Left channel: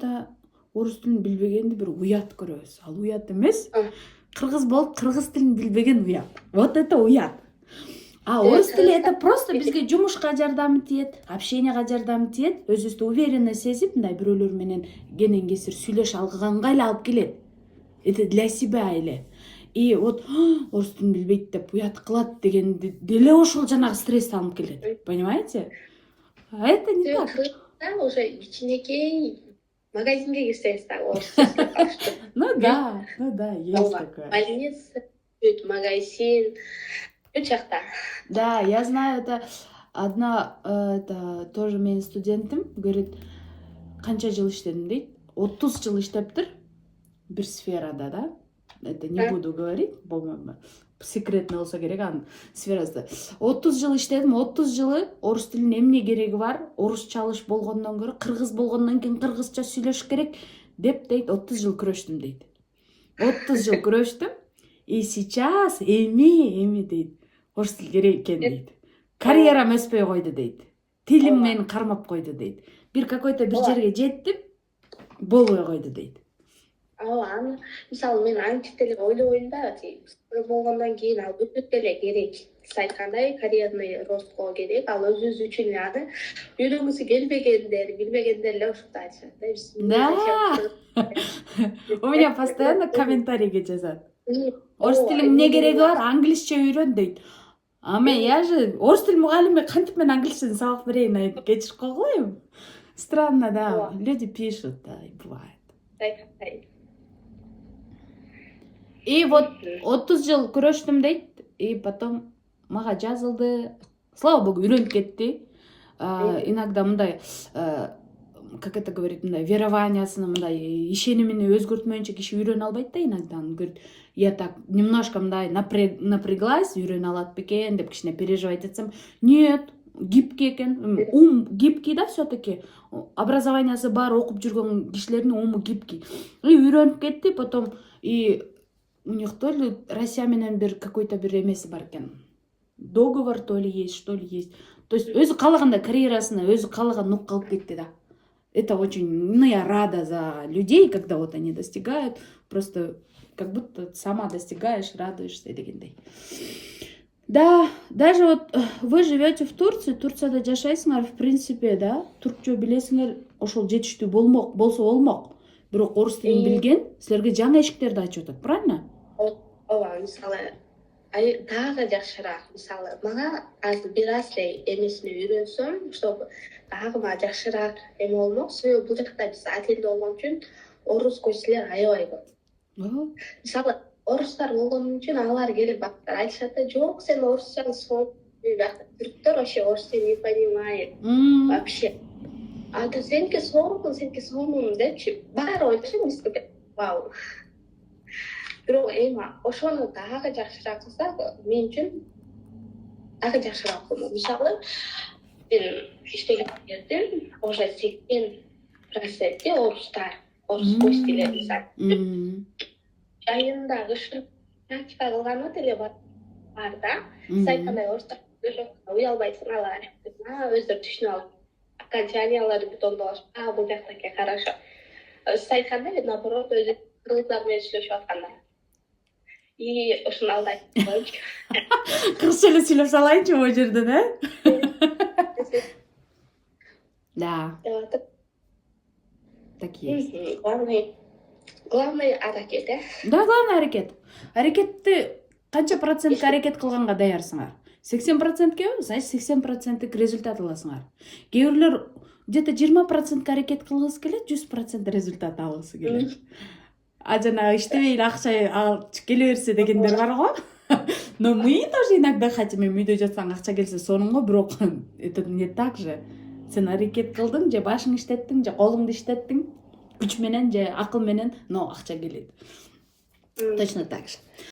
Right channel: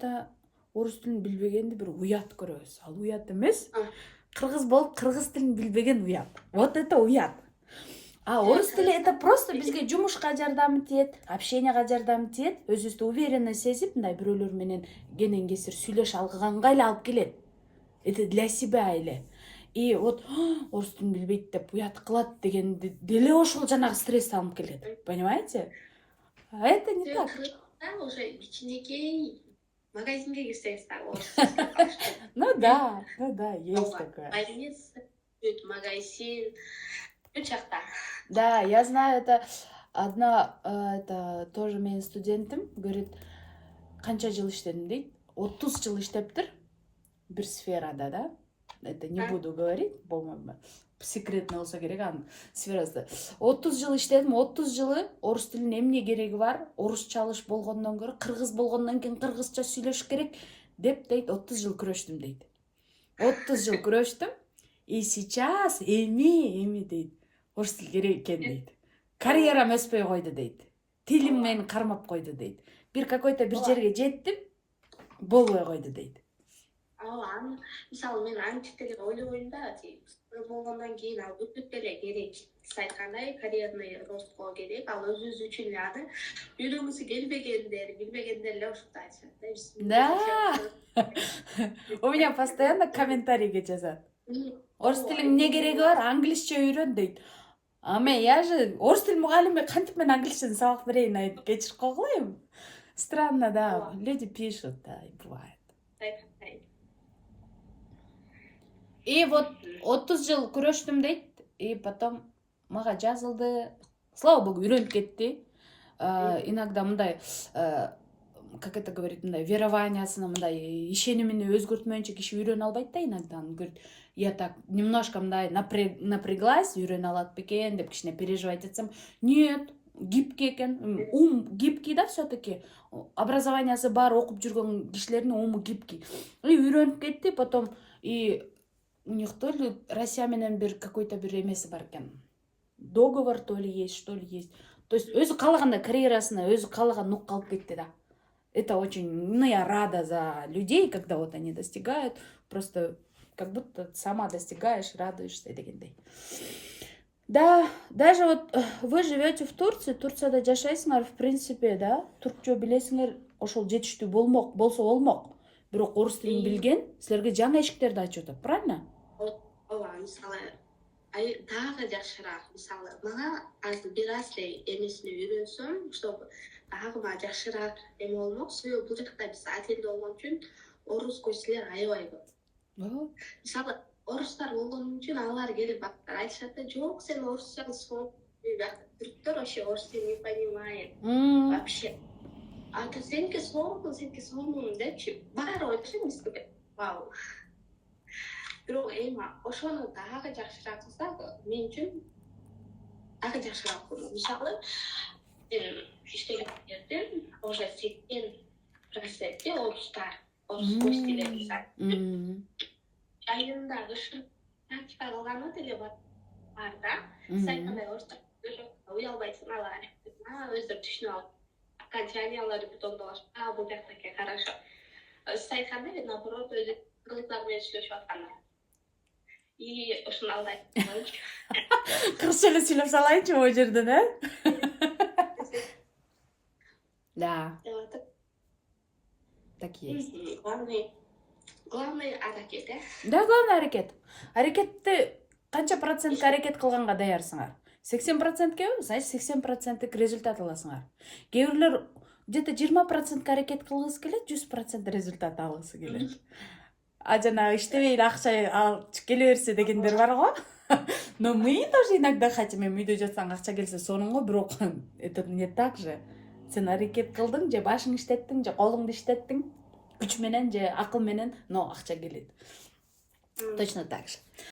да орыс тілін билбегенди бир уят көрөбүз. Ал уят эмес. Кыргыз болуп кыргыз тилин билбеген уят. Вот это уят. А орыс тили это просто бизге жумушка жардам этет, общенияга жардам этет, өзүбүздү уверенно сезип, мындай бирөөлөр менен кенен кесир сүйлөшө алганга эле алып келет. Это для себя эле. И вот орус тилин билбейт деп уят кылат дегенди деле ошол жанагы стрессти алып келет. Понимаете? А это не так. Уже кичинекей магазинге кирсеңиз дагы Ну да, есть такое. больница, магазин, бул жакта. Да, я знаю, это одна, это тоже менин студентим, говорит, канча жыл иштедим дейт, 30 жыл иштептир бир сферада, да? Это не буду говорить, по-моему, секретно болсо керек анын сферасында. 30 жыл иштедим, 30 жылы орус тилинин эмне кереги бар? Орусча алыш болгондон көрө кыргыз болгондон кийин кыргызча сүйлөш керек деп дейт, 30 жыл күрөштүм дейт. 30 жыл күрөштүм, и сейчас эми дейт. Орус тил керек экен дейт. Карьерам өспөй койду дейт. Тилим мени кармап койду дейт. Бир какой-то бир жерге жеттим, болбой койду дейт. Аны мисалы мен аңчы деле ойлобойм да, болгондон кийин ал өтөт деле керек. Сиз айткандай карьерный ростко керек, ал өзүңүз үчүн аны үйрөнгүсү келбегендер, билбегендер эле ушундай айтышат да. У меня постоянно комментарийге жазат. Орус тилиң эмне кереги бар? Англисче үйрөн дейт. А мен я же орус тил мугалими, кантип мен англисчеден сабак берейин айтып кечирип койгуlayım. Странно, да. Люди пишут, да, и бывает. И вот 30 жыл күрөштүм дейт, и потом мага жазылды. Слава богу, үйрөнүп кетти. Иногда мындай, как это говорит, мындай верованиясына, мындай ишенимини өзгөртмөйүнчө киши үйрөнө албайт да иногда. Он говорит, я так немножко мындай напряглась, үйрөнө алат бекен деп кичине переживать этсем. Нет, гибкий экен. Ум гибкий да все-таки. Образованиясы бар, окуп жүргөн кишилердин уму гибкий. И үйрөнүп кетти, потом и у них то ли Россия менен бир какой-то бир эмеси бар экен. Договор то ли есть, что ли есть. То есть өзү каалагандай карьерасына өзү каалаган нукка алып кетти да. Это очень, ну, я рада за людей, когда вот они достигают, просто как будто сама достигаешь, радуешься дегендей. Да, даже вот вы живете в Турции, Турцияда жашайсыңар, в принципе, да, туркча билесиңер, ошол жетиштүү болсо болмок. Бирок орус тилин билген силерге жаңы эшиктерди ачып атат, правильно? Ооба, мисалы дагы жакшыраак, мисалы мага азыр бир аз эле эмесине үйрөнсөм, чтобы дагы мага жакшыраак эме болмок. Себеби бул жакта биз атенде болгон үчүн орус көчсүлөр аябай көп. Мисалы орустар болгон үчүн алар келип бактар айтышат да, жок, сен орусчаны сонуп түрктөр вообще орус тилин не понимает вообще. А то сеники сонун депчи баары ойлошот эмеспи? Вау. Бирок эми ошону дагы жакшыраак кылсак, мен үчүн дагы жакшыраак болмок. Мисалы, мен иштеген жердин уже 80% орустар, орус көчтүлөр мисалы. Айында кышын практика кылганы деле бар да. Сиз айткандай орустар уялбайсың алар. Өздөрү түшүнүп алып, окончаниялары бутондолошуп, бул жактаки хорошо. Сиз айткандай, наоборот, өзү кыргыздар менен сүйлөшүп атканда. И ушуну алдайт. Кыргызча эле сүйлөп салайынчы могу жерден, Да. Так есть. Главный аракет, Да, главный аракет. Аракетти канча процентке аракет кылганга даярсыңар? 80%ке, значит 80% результат аласыңар. Кээ бирлер где-то 20% аракет кылгысы келет, 100% результат алгысы келет. А жана иштебей эле акча алып келе берсе дегендер бар го. Но мы тоже иногда хотим, үйдө жатсаң акча келсе сонун го, бирок это не так же. Сен аракет кылдың, же башың иштеттиң, же колуңду иштеттиң, күч менен же акыл менен, но акча келет. Точно так же.